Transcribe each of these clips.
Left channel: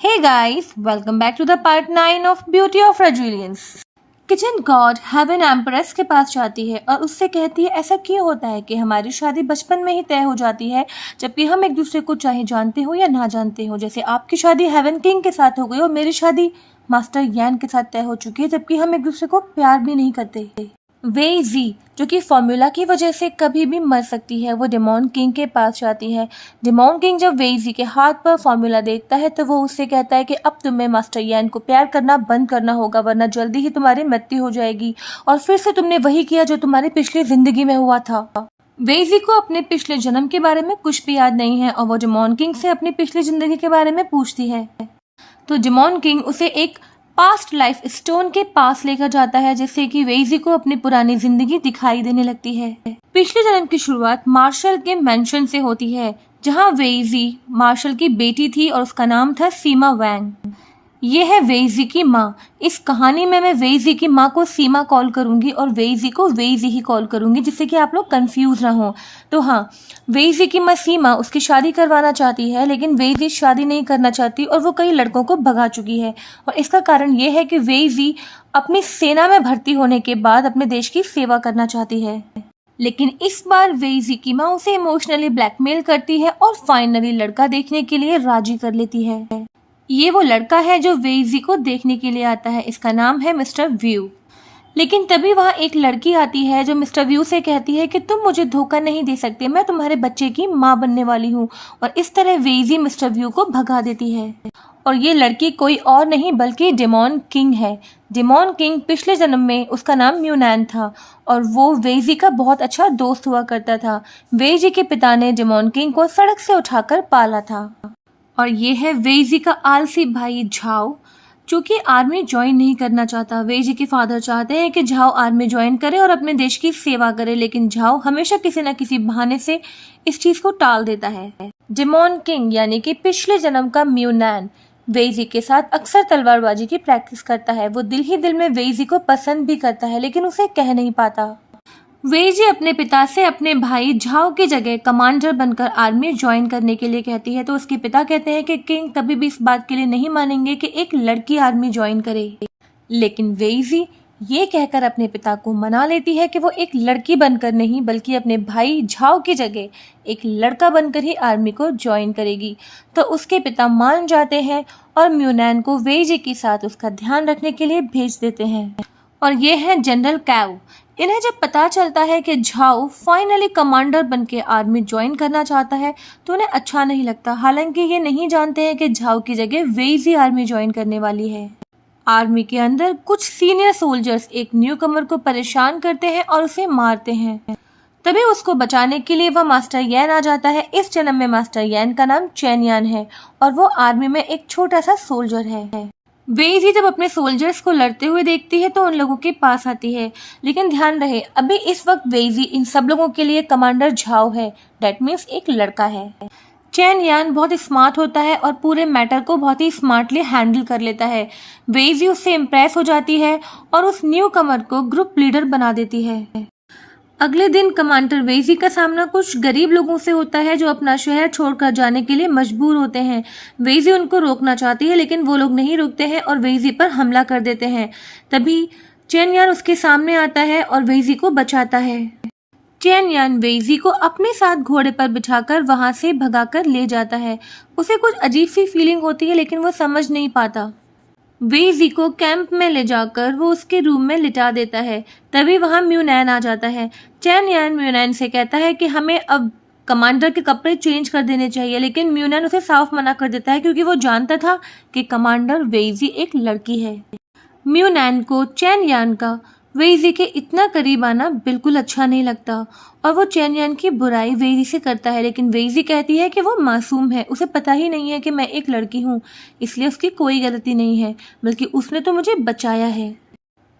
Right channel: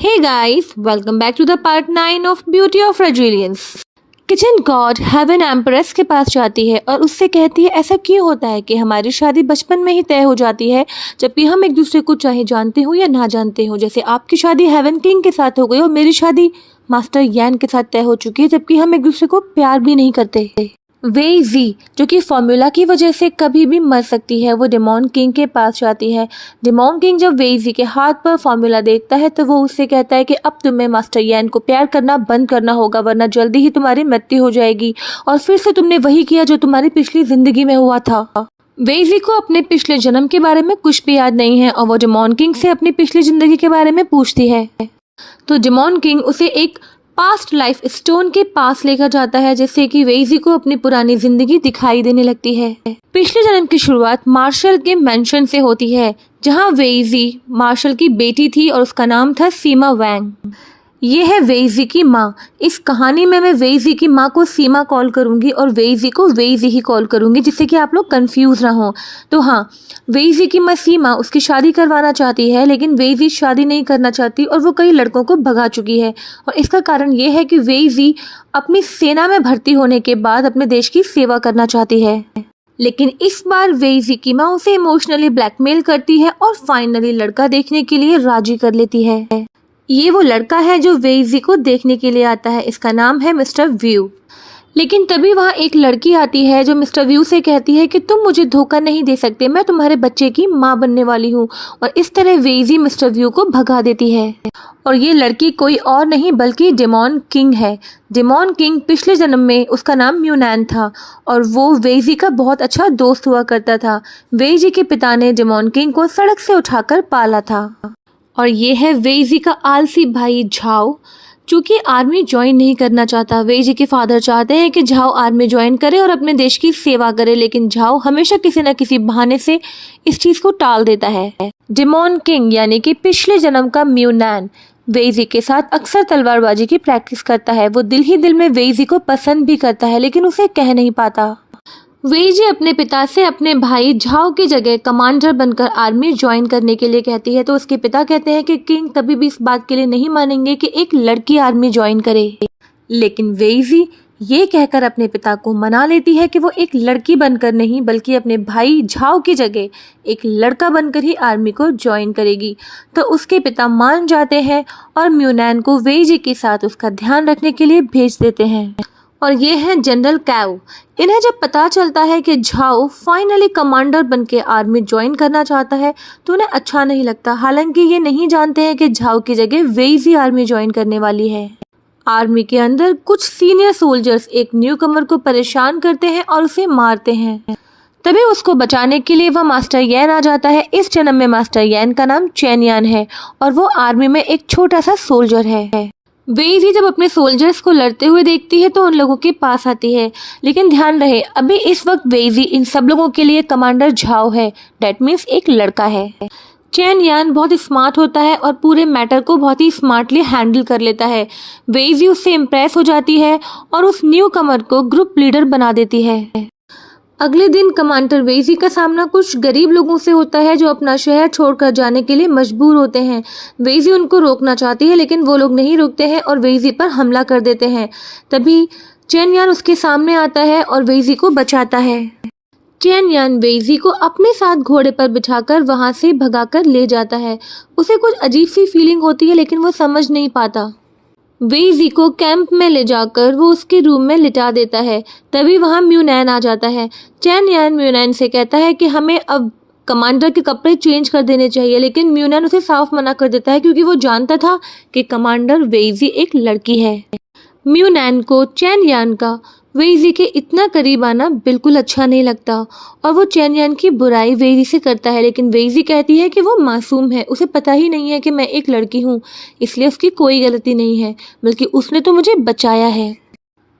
Hey guys, welcome back to the part 9 of Beauty of Resilience. Kitchen god heaven empress के पास जाती है और उससे कहती है ऐसा क्यों होता है कि हमारी शादी बचपन में ही तय हो जाती है, जबकि हम एक दूसरे को चाहे जानते हो या ना जानते हो। जैसे आपकी शादी हेवन किंग के साथ हो गई और मेरी शादी मास्टर यैन के साथ तय हो चुकी है, जबकि हम एक दूसरे को प्यार भी नहीं करते। वेई जी, जो कि फॉर्मूला की वजह से कभी भी मर सकती है, वो डेमोन किंग के पास जाती है। डेमोन किंग जब वेई जी के हाथ पर फॉर्मूला देखता है तो वो उससे कहता है कि अब तुम्हें मास्टर यैन को प्यार करना बंद करना होगा, वरना जल्दी ही तुम्हारी मृत्यु हो जाएगी और फिर से तुमने वही किया जो तुम्हारी पिछली जिंदगी में हुआ था। वेई जी को अपने पिछले जन्म के बारे में कुछ भी याद नहीं है और वो डेमोन किंग से अपनी पिछली जिंदगी के बारे में पूछती है। तो डेमोन किंग उसे एक पास्ट लाइफ स्टोन के पास लेकर जाता है, जिससे कि वेई जी को अपनी पुरानी जिंदगी दिखाई देने लगती है। पिछले जन्म की शुरुआत मार्शल के मेंशन से होती है, जहां वेई जी मार्शल की बेटी थी और उसका नाम था सीमा वैंग। ये है वेई जी की माँ। इस कहानी में मैं वेई जी की माँ को सीमा कॉल करूंगी और वेई जी को वेई जी ही कॉल करूंगी, जिससे कि आप लोग कंफ्यूज ना हो। तो हाँ, वेई जी की माँ सीमा उसकी शादी करवाना चाहती है, लेकिन वेई जी शादी नहीं करना चाहती और वो कई लड़कों को भगा चुकी है। और इसका कारण ये है कि वेई जी अपनी सेना में भर्ती होने के बाद अपने देश की सेवा करना चाहती है। लेकिन इस बार वेई जी की माँ उसे इमोशनली ब्लैकमेल करती है और फाइनली लड़का देखने के लिए राजी कर लेती है। ये वो लड़का है जो वेई जी को देखने के लिए आता है। इसका नाम है मिस्टर व्यू। लेकिन तभी वहाँ एक लड़की आती है जो मिस्टर व्यू से कहती है कि तुम मुझे धोखा नहीं दे सकते, मैं तुम्हारे बच्चे की माँ बनने वाली हूँ। और इस तरह वेई जी मिस्टर व्यू को भगा देती है। और ये लड़की कोई और नहीं बल्कि डेमोन किंग है। डेमोन किंग पिछले जन्म में उसका नाम म्यूनैन था और वो वेई जी का बहुत अच्छा दोस्त हुआ करता था। वेई जी के पिता ने डेमोन किंग को सड़क से उठाकर पाला था। और ये है वेई जी का आलसी भाई झाओ, जो कि आर्मी ज्वाइन नहीं करना चाहता। वेई जी के फादर चाहते हैं कि झाओ आर्मी ज्वाइन करे और अपने देश की सेवा करे, लेकिन झाओ हमेशा किसी न किसी बहाने से इस चीज को टाल देता है। डेमोन किंग यानी कि पिछले जन्म का म्यूनैन वेई जी के साथ अक्सर तलवारबाजी की प्रैक्टिस करता है। वो दिल ही दिल में वेई जी को पसंद भी करता है, लेकिन उसे कह नहीं पाता। वेई जी अपने पिता से अपने भाई झाओ की जगह कमांडर बनकर आर्मी ज्वाइन करने के लिए कहती है, तो उसके पिता कहते हैं कि किंग कभी भी इस बात के लिए नहीं मानेंगे कि एक लड़की आर्मी ज्वाइन करे। लेकिन वेई जी ये कहकर अपने पिता को मना लेती है कि वो एक लड़की बनकर नहीं बल्कि अपने भाई झाओ की जगह एक लड़का बनकर ही आर्मी को ज्वाइन करेगी। तो उसके पिता मान जाते हैं और म्यूनैन को वेई जी के साथ उसका ध्यान रखने के लिए भेज देते हैं। और ये है जनरल कैव। इन्हें जब पता चलता है कि झाओ फाइनली कमांडर बनके आर्मी ज्वाइन करना चाहता है तो उन्हें अच्छा नहीं लगता। हालांकि ये नहीं जानते हैं कि झाओ की जगह वेई जी आर्मी ज्वाइन करने वाली है। आर्मी के अंदर कुछ सीनियर सोल्जर्स एक न्यू कमर को परेशान करते हैं और उसे मारते हैं। तभी उसको बचाने के लिए वह मास्टर यैन आ जाता है। इस जन्म में मास्टर यैन का नाम चेन यान है और वो आर्मी में एक छोटा सा सोल्जर है। वेई जी जब अपने सोल्जर्स को लड़ते हुए देखती है तो उन लोगों के पास आती है, लेकिन ध्यान रहे अभी इस वक्त वेई जी इन सब लोगों के लिए कमांडर झाओ है। डेट मीन्स एक लड़का है। चेन यान बहुत स्मार्ट होता है और पूरे मैटर को बहुत ही स्मार्टली हैंडल कर लेता है। वेई जी उससे इम्प्रेस हो जाती है और उस न्यू कमर को ग्रुप लीडर बना देती है। अगले दिन कमांडर वेई जी का सामना कुछ गरीब लोगों से होता है जो अपना शहर छोड़कर जाने के लिए मजबूर होते हैं। वेई जी उनको रोकना चाहती है, लेकिन वो लोग नहीं रुकते हैं और वेई जी पर हमला कर देते हैं। तभी चेन यान उसके सामने आता है और वेई जी को बचाता है। चेन यान वेई जी को अपने साथ घोड़े पर बिठाकर वहां से भगाकर ले जाता है। उसे कुछ अजीब सी फीलिंग होती है, लेकिन वो समझ नहीं पाता। वेई जी को कैंप में ले जाकर वो उसके रूम में लिटा देता है। तभी वहाँ म्यूनैन आ जाता है। चेन यान म्यूनैन से कहता है कि हमें अब कमांडर के कपड़े चेंज कर देने चाहिए, लेकिन म्यूनैन उसे साफ मना कर देता है क्योंकि वो जानता था कि कमांडर वेई जी एक लड़की है। म्यूनैन को चेन यान का वेई जी के इतना करीब आना बिल्कुल अच्छा नहीं लगता और वो चेन यान की बुराई वेई जी से करता है, लेकिन वेई जी कहती है कि वो मासूम है, उसे पता ही नहीं है कि मैं एक लड़की हूँ, इसलिए उसकी कोई गलती नहीं है, बल्कि उसने तो मुझे बचाया है।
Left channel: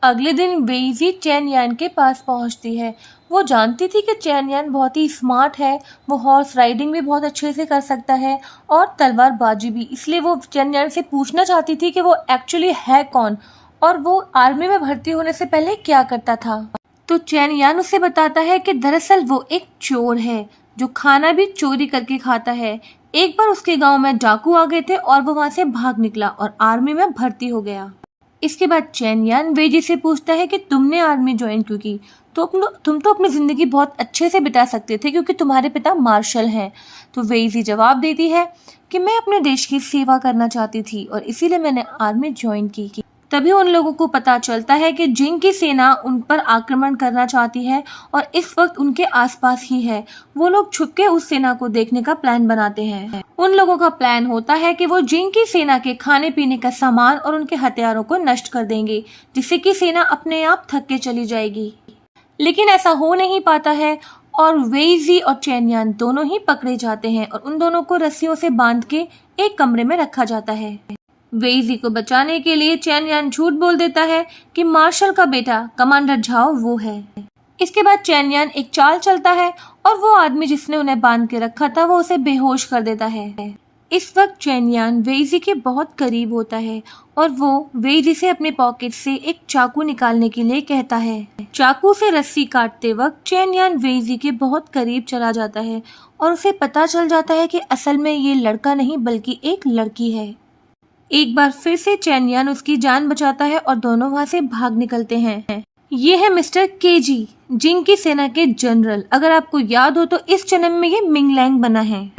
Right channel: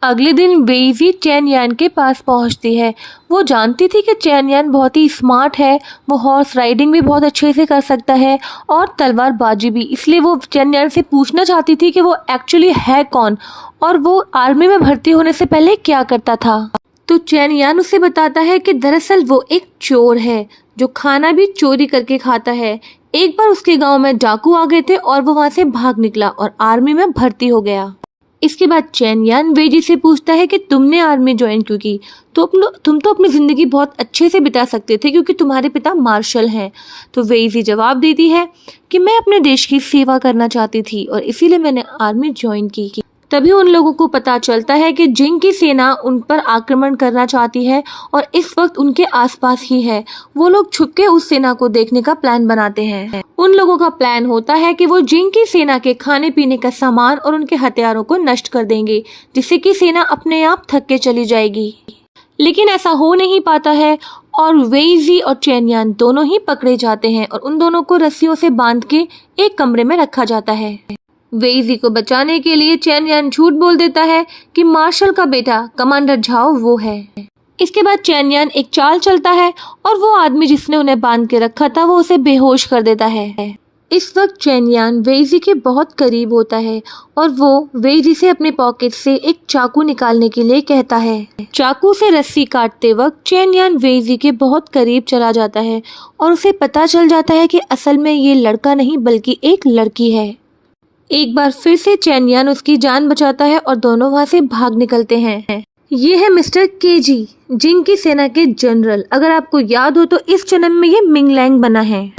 अगले दिन वेई जी चेन यान के पास पहुंचती है। वो जानती थी कि चेन यान बहुत ही स्मार्ट है, वो हॉर्स राइडिंग भी बहुत अच्छे से कर सकता है और तलवारबाजी भी, इसलिए वो चेन यान से पूछना चाहती थी कि वो एक्चुअली है कौन और वो आर्मी में भर्ती होने से पहले क्या करता था। तो चेन यान उसे बताता है कि दरअसल वो एक चोर है जो खाना भी चोरी करके खाता है। एक बार उसके गांव में डाकू आ गए थे और वो वहां से भाग निकला और आर्मी में भर्ती हो गया। इसके बाद चेन यान वेजी से पूछता है कि तुमने आर्मी ज्वाइन क्यों की, तो तुम तो अपनी जिंदगी बहुत अच्छे से बिता सकते थे क्योंकि तुम्हारे पिता मार्शल हैं। तो वेजी जवाब देती है कि मैं अपने देश की सेवा करना चाहती थी और इसीलिए मैंने आर्मी ज्वाइन की। तभी उन लोगों को पता चलता है कि जिंग की सेना उन पर आक्रमण करना चाहती है और इस वक्त उनके आसपास ही है। वो लोग छुपके उस सेना को देखने का प्लान बनाते हैं। उन लोगों का प्लान होता है कि वो जिंग की सेना के खाने पीने का सामान और उनके हथियारों को नष्ट कर देंगे, जिससे कि सेना अपने आप थक के चली जाएगी। लेकिन ऐसा हो नहीं पाता है और वेइजी और चेन यान दोनों ही पकड़े जाते हैं और उन दोनों को रस्सियों से बांध के एक कमरे में रखा जाता है। वेइजी को बचाने के लिए चेन यान झूठ बोल देता है कि मार्शल का बेटा कमांडर झाओ वो है। इसके बाद चेन यान एक चाल चलता है और वो आदमी जिसने उन्हें बांध के रखा था वो उसे बेहोश कर देता है। इस वक्त चेन यान वेइजी के बहुत करीब होता है और वो वेइजी से अपने पॉकेट से एक चाकू निकालने के लिए कहता है। चाकू से रस्सी काटते वक्त चेन यान वेइजी के बहुत करीब चला जाता है और उसे पता चल जाता है कि असल में ये लड़का नहीं बल्कि एक लड़की है। एक बार फिर से चेन यान उसकी जान बचाता है और दोनों वहां से भाग निकलते हैं। ये है मिस्टर केजी, जिंग की सेना के जनरल। अगर आपको याद हो तो इस जन्म में ये मिंगलैंग बना है।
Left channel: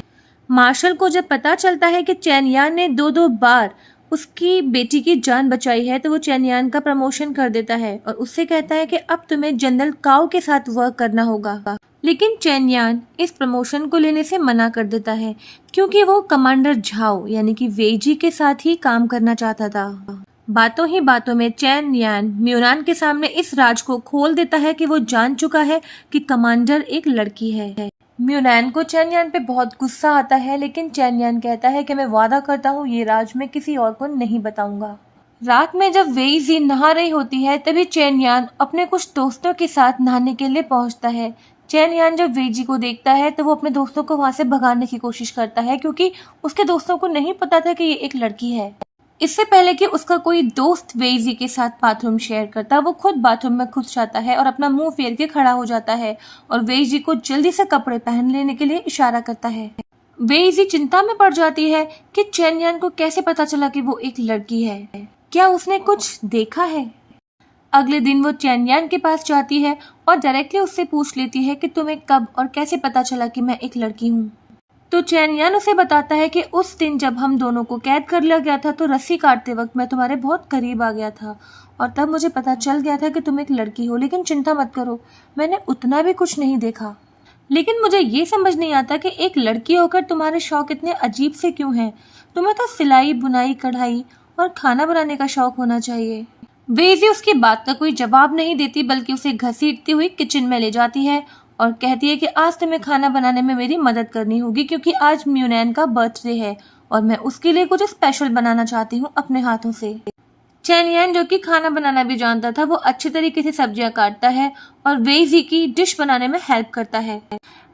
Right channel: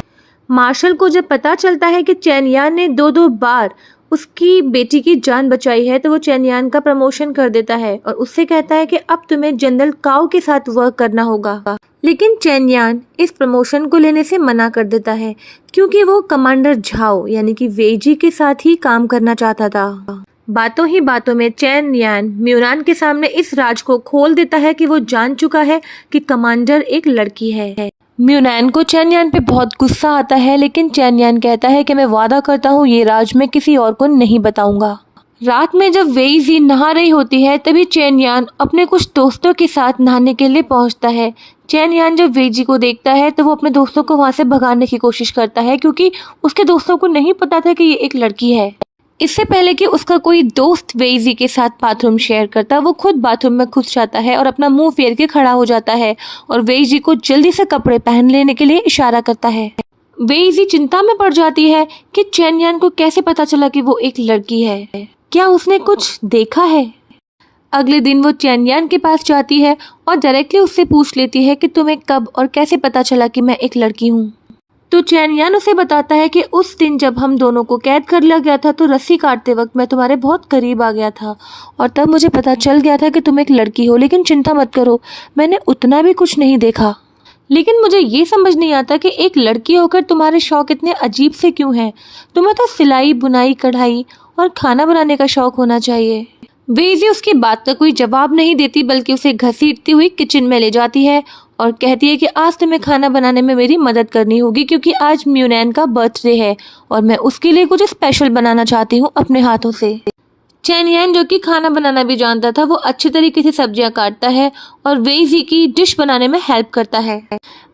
मार्शल को जब पता चलता है कि चेन यान ने दो बार उसकी बेटी की जान बचाई है तो वो चेन यान का प्रमोशन कर देता है और उससे कहता है कि अब तुम्हें जनरल काओ के साथ वर्क करना होगा। लेकिन चेन यान इस प्रमोशन को लेने से मना कर देता है क्योंकि वो कमांडर झाओ यानी कि वेजी के साथ ही काम करना चाहता था। बातों ही बातों में चेन यान म्यूनान के सामने इस राज को खोल देता है कि वो जान चुका है कि कमांडर एक लड़की है। म्यूनान को चेन यान पे बहुत गुस्सा आता है, लेकिन चेन यान कहता है कि मैं वादा करता हूँ ये राज मैं किसी और को नहीं बताऊंगा। रात में जब वेइजी नहा रही होती है तभी चेन यान अपने कुछ दोस्तों के साथ नहाने के लिए पहुंचता है। चेन यान जब वेइजी को देखता है तो वो अपने दोस्तों को वहां से भगाने की कोशिश करता है क्योंकि उसके दोस्तों को नहीं पता था कि ये एक लड़की है। इससे पहले कि उसका कोई दोस्त वेइजी के साथ बाथरूम शेयर करता, वो खुद बाथरूम में घुस जाता है और अपना मुंह फेर के खड़ा हो जाता है और वेइजी को जल्दी से कपड़े पहन लेने के लिए इशारा करता है। वेइजी चिंता में पड़ जाती है कि चेन यान को कैसे पता चला कि वो एक लड़की है, क्या उसने कुछ देखा है। अगले दिन वो चेन यान के पास जाती है और डायरेक्टली उससे पूछ लेती है कि तुम्हें कब और कैसे पता चला कि मैं एक लड़की हूँ। तो चेन यान उसे बताता है कि उस दिन जब हम दोनों को कैद कर लिया गया था तो रस्सी काटते वक्त मैं तुम्हारे बहुत करीब आ गया था और तब मुझे पता चल गया था कि तुम एक लड़की हो। लेकिन चिंता मत करो, मैंने उतना भी कुछ नहीं देखा। लेकिन मुझे ये समझ नहीं आता कि एक लड़की होकर तुम्हारे शौक इतने अजीब से क्यों हैं। तुम्हें तो सिलाई, बुनाई, कढ़ाई और खाना बनाने का शौक होना चाहिए। वेइजी उसकी बात का कोई जवाब नहीं देती बल्कि उसे घसीटती हुई किचन में ले जाती है और कहती है कि आज तुम्हें खाना बनाने में मेरी मदद करनी होगी क्योंकि आज म्यूनैन का बर्थडे है और मैं उसके लिए कुछ स्पेशल बनाना चाहती हूँ अपने हाथों से। चेन यान जो कि खाना बनाना भी जानता था वो अच्छे तरीके से सब्जियां काटता है और वेइजी की डिश बनाने में हेल्प करता है।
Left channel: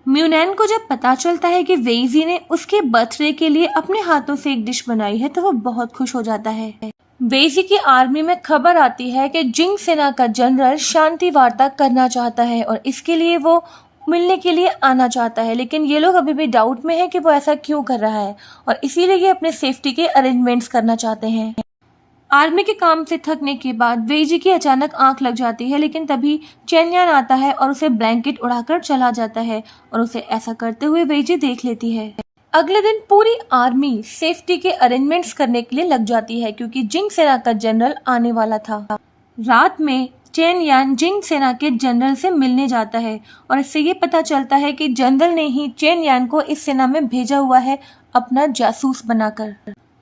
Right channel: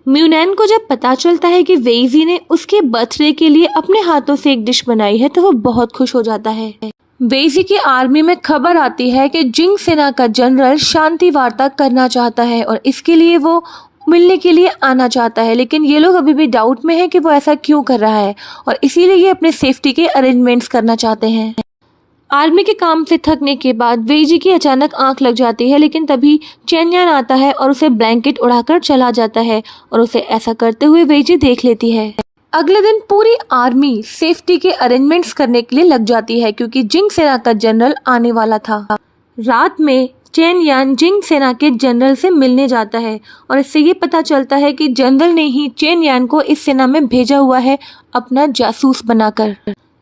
म्यूनैन को जब पता चलता है कि वेइजी ने उसके बर्थडे के लिए अपने हाथों से एक डिश बनाई है तो वो बहुत खुश हो जाता है। वेइजी की आर्मी में खबर आती है कि जिंग सेना का जनरल शांति वार्ता करना चाहता है और इसके लिए वो मिलने के लिए आना चाहता है। लेकिन ये लोग अभी भी डाउट में है कि वो ऐसा क्यों कर रहा है और इसीलिए ये अपने सेफ्टी के अरेंजमेंट्स करना चाहते हैं। आर्मी के काम से थकने के बाद वेइजी की अचानक आंख लग जाती है, लेकिन तभी चेन यान आता है और उसे ब्लैंकेट उड़ाकर चला जाता है और उसे ऐसा करते हुए वेइजी देख लेती है। अगले दिन पूरी आर्मी सेफ्टी के अरेंजमेंट्स करने के लिए लग जाती है क्योंकि जिंग सेना का जनरल आने वाला था। रात में चेन यान जिंग सेना के जनरल से मिलने जाता है और इससे ये पता चलता है कि जनरल ने ही चेन यान को इस सेना में भेजा हुआ है अपना जासूस बनाकर।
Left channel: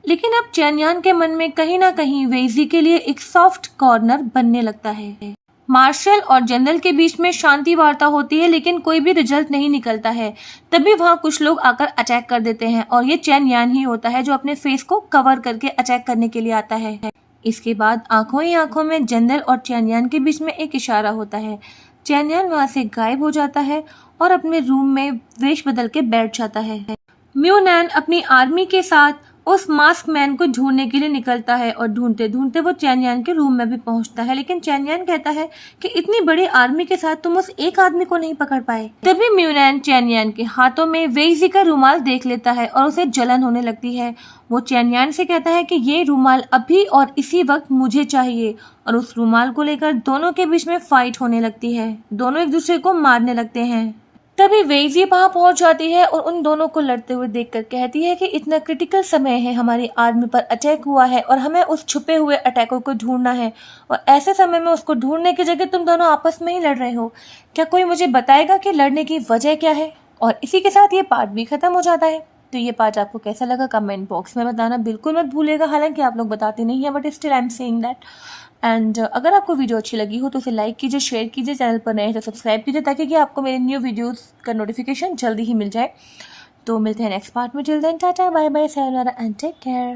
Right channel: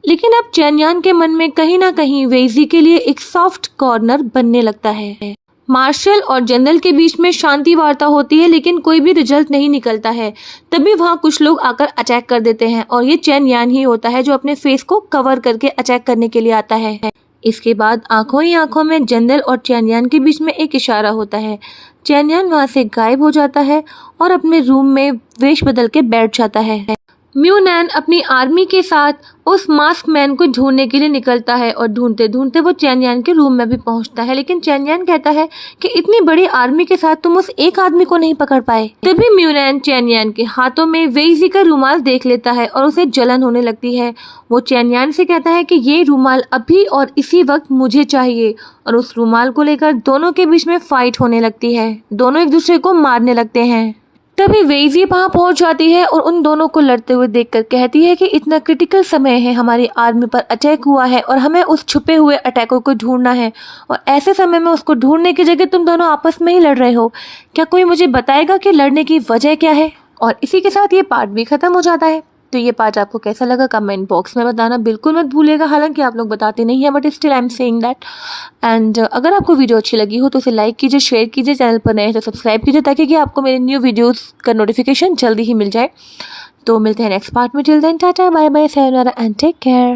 लेकिन अब चेन यान के मन में कहीं ना कहीं वेइजी के लिए एक सॉफ्ट कॉर्नर बनने लगता है। मार्शल और जनरल के बीच में शांति वार्ता होती है लेकिन कोई भी रिजल्ट नहीं निकलता है। तभी वहाँ कुछ लोग आकर अटैक कर देते हैं और ये चेन यान ही होता है जो अपने फेस को कवर करके अटैक करने के लिए आता है। इसके बाद आंखों ही आंखों में जनरल और चेन यान के बीच में एक इशारा होता है। चेन यान वहाँ से गायब हो जाता है और अपने रूम में वेश बदल के बैठ जाता है। म्यू नैन अपनी आर्मी के साथ उस मास्क मैन को ढूंढने के लिए निकलता है और ढूंढते ढूंढते वो चैन यान के रूम में भी पहुंचता है, लेकिन चैन यान कहता है कि इतनी बड़ी आर्मी के साथ तुम उस एक आदमी को नहीं पकड़ पाए। तभी म्यू नैन चैन यान के हाथों में वेईजी का रुमाल देख लेता है और उसे जलन होने लगती है। वो चैन यान से कहता है कि ये रुमाल अभी और इसी वक्त मुझे चाहिए, और उस रुमाल को लेकर दोनों के बीच में फाइट होने लगती है। दोनों एक दूसरे को मारने लगते हैं। तभी वेईजी वहां पहुंच जाती है और उन दोनों को लड़ते हुए देखकर कहती है कि इतना क्रिटिकल समय है, हमारी आर्मी पर अटैक हुआ है और हमें उस छुपे हुए अटैकर को ढूंढना है, और ऐसे समय में उसको ढूंढने की जगह तुम दोनों आपस में ही लड़ रहे हो। क्या कोई मुझे बताएगा कि लड़ने की वजह क्या है? और इसी के साथ ये पार्ट भी खत्म हो जाता है। तो ये पार्ट आपको कैसा लगा कमेंट बॉक्स में बताना बिल्कुल मत भूलिएगा। हालांकि आप लोग बताते नहीं हैं, but still I am saying that. And अगर आपको वीडियो अच्छी लगी हो तो उसे लाइक कीजिए, शेयर कीजिए, चैनल पर नए हैं तो सब्सक्राइब कीजिए, ताकि कि आपको मेरे न्यू वीडियोस का नोटिफिकेशन जल्दी ही मिल जाए। तो मिलते हैं नेक्स्ट पार्ट में। Till then tata bye bye, sayonara and take care.